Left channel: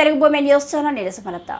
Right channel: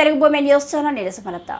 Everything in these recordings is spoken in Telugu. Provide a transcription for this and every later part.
తెలుగు భూమి న్యూస్ ఛానల్ నిరసమలత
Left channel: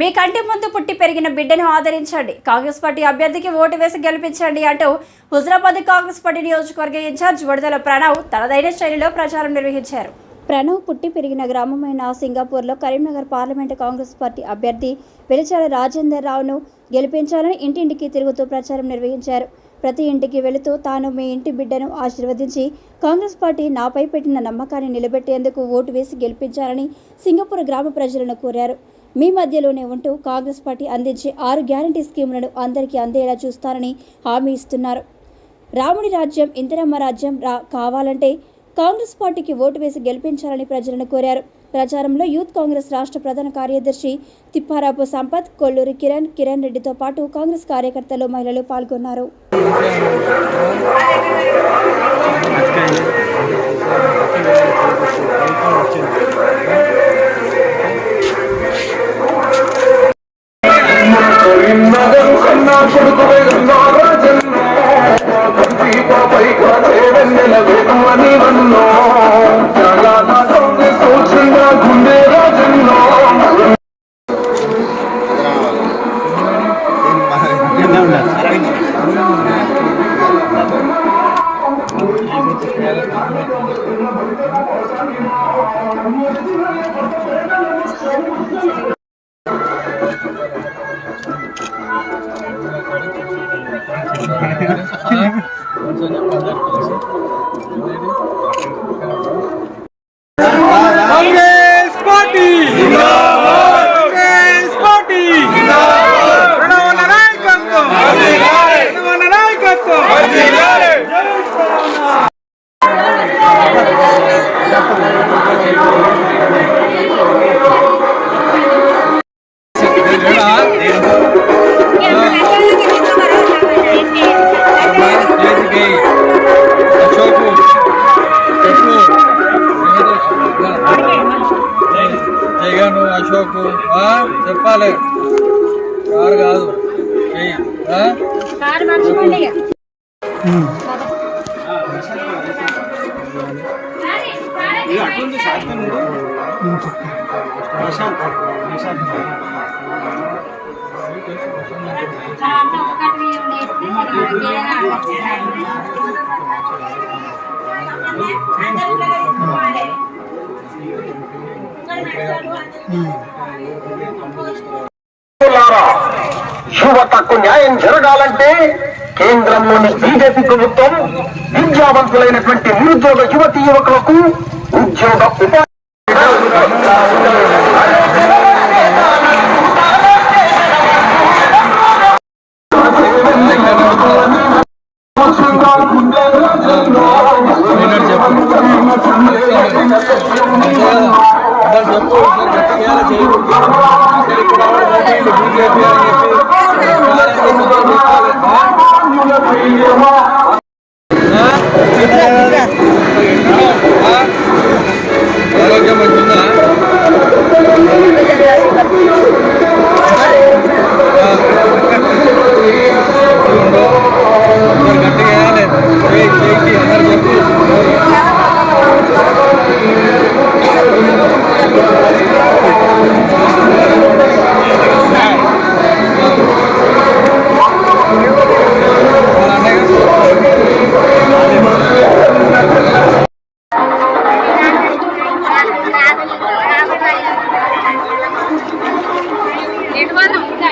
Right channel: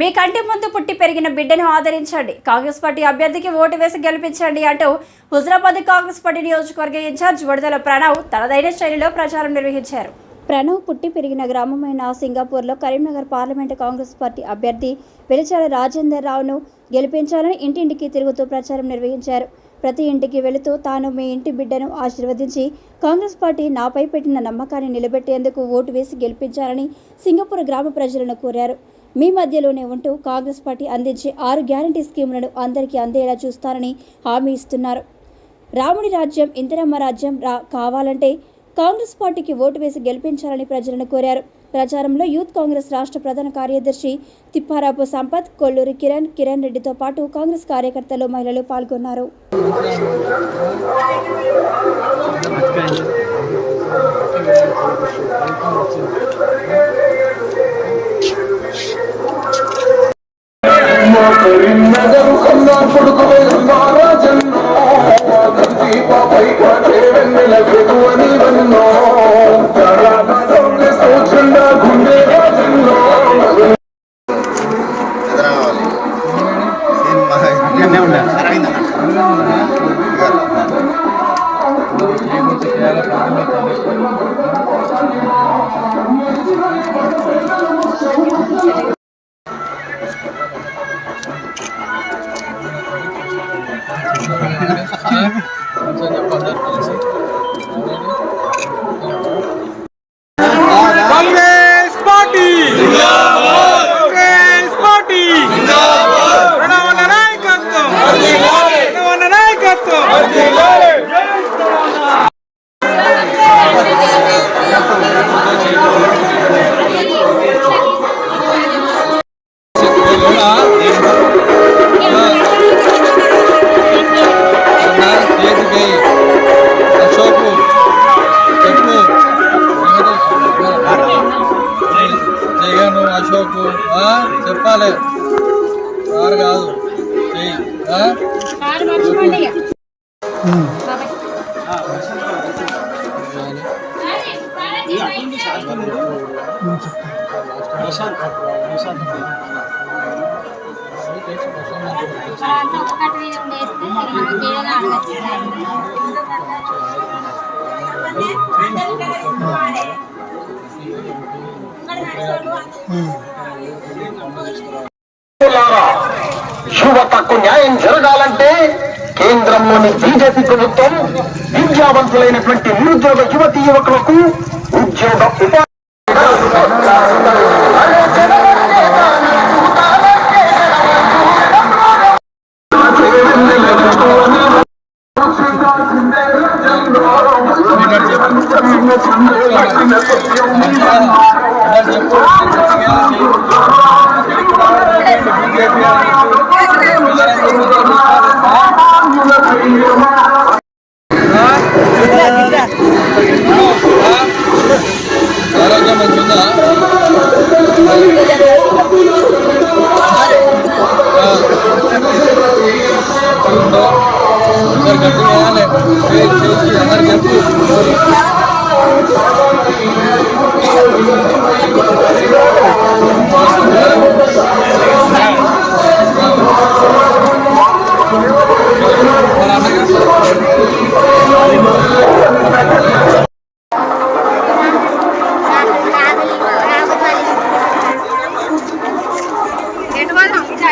మీ కంటి ముందు పుట్టి పెరిగిన బిడ్డను ఆదరించండి కాంగ్రెస్ పార్టీ అభ్యర్థికి ఓటు వేసి గెలిపించండి అంటూ హుజరాబాద్ కాంగ్రెస్ పార్టీ నియోజకవర్గ ఇన్ఛార్జ్ విడుదల ప్రణవ్ తనదైన శైలిలో ప్రచారం నిర్వహించారు ప్రణవ్ పుట్టి పెరిగిన గ్రామమైన సింగపూర్లో కరీంనగర్ పార్లమెంటు కాంగ్రెస్ పార్టీ అభ్యర్థి వెలిచాల రాజేందర్ రావును గెలిపించాలని ఇంటింటికి తిరుగుతూ ప్రచారం నిర్వహించారు ప్రతి ఇంటికి వెళుతూ తాను మీ ఇంటి బిడ్డను ఆశీర్వదించి కాంగ్రెస్ పార్టీ నాపై పెట్టిన నమ్మకాన్ని నిలబెట్టేందుకు ఓటు వేసి గెలిపించాలని సింగపూర్ గ్రామ ప్రజలను కోరారు మీ మధ్యలోనే ఉంటూ కాంగ్రెస్ పార్టీ అందించే ఆరు గ్యారంటీ స్కీములను అందరికీ అందేలా చూస్తారని హామీ ఇస్తున్నారు రాముడి రాజ్యం ఇందిరమ్మ రాజ్యం రా కావాలంటే కాంగ్రెస్ పార్టీకి ఓటు వేసి గెలిపించాలని ప్రజలను కోరారు ప్రచారంలో యూత్ కాంగ్రెస్ రాష్ట్ర ప్రధాన కార్యదర్శి తిప్పారాపు సంపత్ కొల్లూరి కిరణ్ కిరణ్ రెడ్డితో పాటు కాంగ్రెస్ కార్యకర్తలు మహిళలు పాల్గొన్నారు సినిమా అరవింద్ కాంగ్రెస్ జగను అశోకు ఆ? చెప్పాలి సార్ కాదు చెయ్యి పేరు ప్రశాంత్ ప్రశాంత్ యువతకు న్యాయం జరగాలంటే కేంద్రంలోని బీజేపీ ప్రభుత్వం విద్యావంతులైనటువంటి నిరుద్యోగ యువతి యువకులకు ఉద్యోగ ఉపాధి బీజేపీ ఆరోగ్యం మంచిగా ఉందో ఒకసారి గట్టిగా చేయాలి అందరు చెప్పు